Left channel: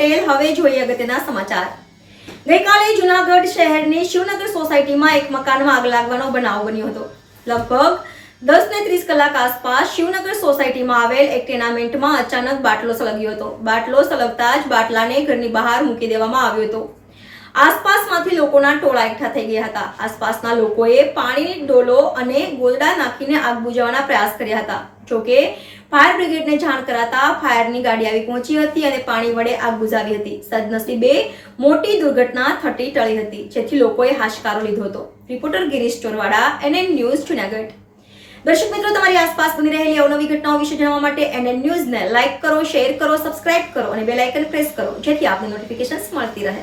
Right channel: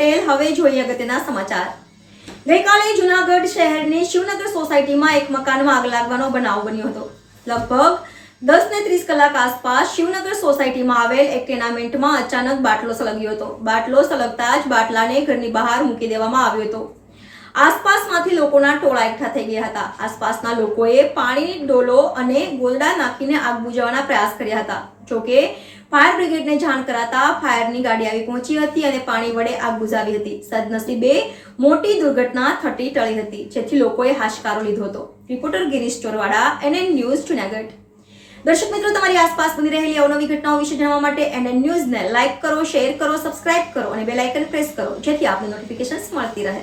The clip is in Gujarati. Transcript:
પટેલ। હવે જોઈએ અગત્યના સમાચાર। ગઈકાલે જૂનાગઢ શહેરની શિવનગર સોસાયટીમાં એક મકાનમાં આગ લાગવાનો બનાવ બન્યો હતો। લગભગ 10:30 કલાક આસપાસ શિવનગર સોસાયટીમાં આવેલ એક ટેનામેન્ટમાં અચાનક બાટલો સળગ્યો હતો। બાટલો સળગતા જ બાટલાને ઘરની બહાર મૂકી દેવામાં આવ્યો હતો। આસપાસમાંથી લોકોના ટોળા એકઠા થઈ ગયા હતા। આસપાસના લોકોએ પાણીની ડોલો અને ગોદડા નાખીને આગ બુઝાવવાના પ્રયાસ કર્યા હતા। જોકે ફાયર બ્રિગેડને જાણ કરાતા ફાયરની ગાડી આવી પહોંચી હતી અને પાણી વડે આગ બુઝાવી હતી। સદનસીબે મોટી દુર્ઘટના ટળી હતી, જેથી લોકોએ હાશકારો લીધો હતો। Reporter Girish Chorwada, NN news, Junagadh. દર્શક મિત્રો, તમારી આસપાસ બની રહેલી અવનવી ઘટનાઓ વિશે જાણવા માટે NN ન્યૂઝને લાઇક કરો, શેર કરો, સબસ્ક્રાઇબ કરો અને બેલ આઇકન પ્રેસ કરો, જેથી આપને નોટિફિકેશન્સ મળતી રહે।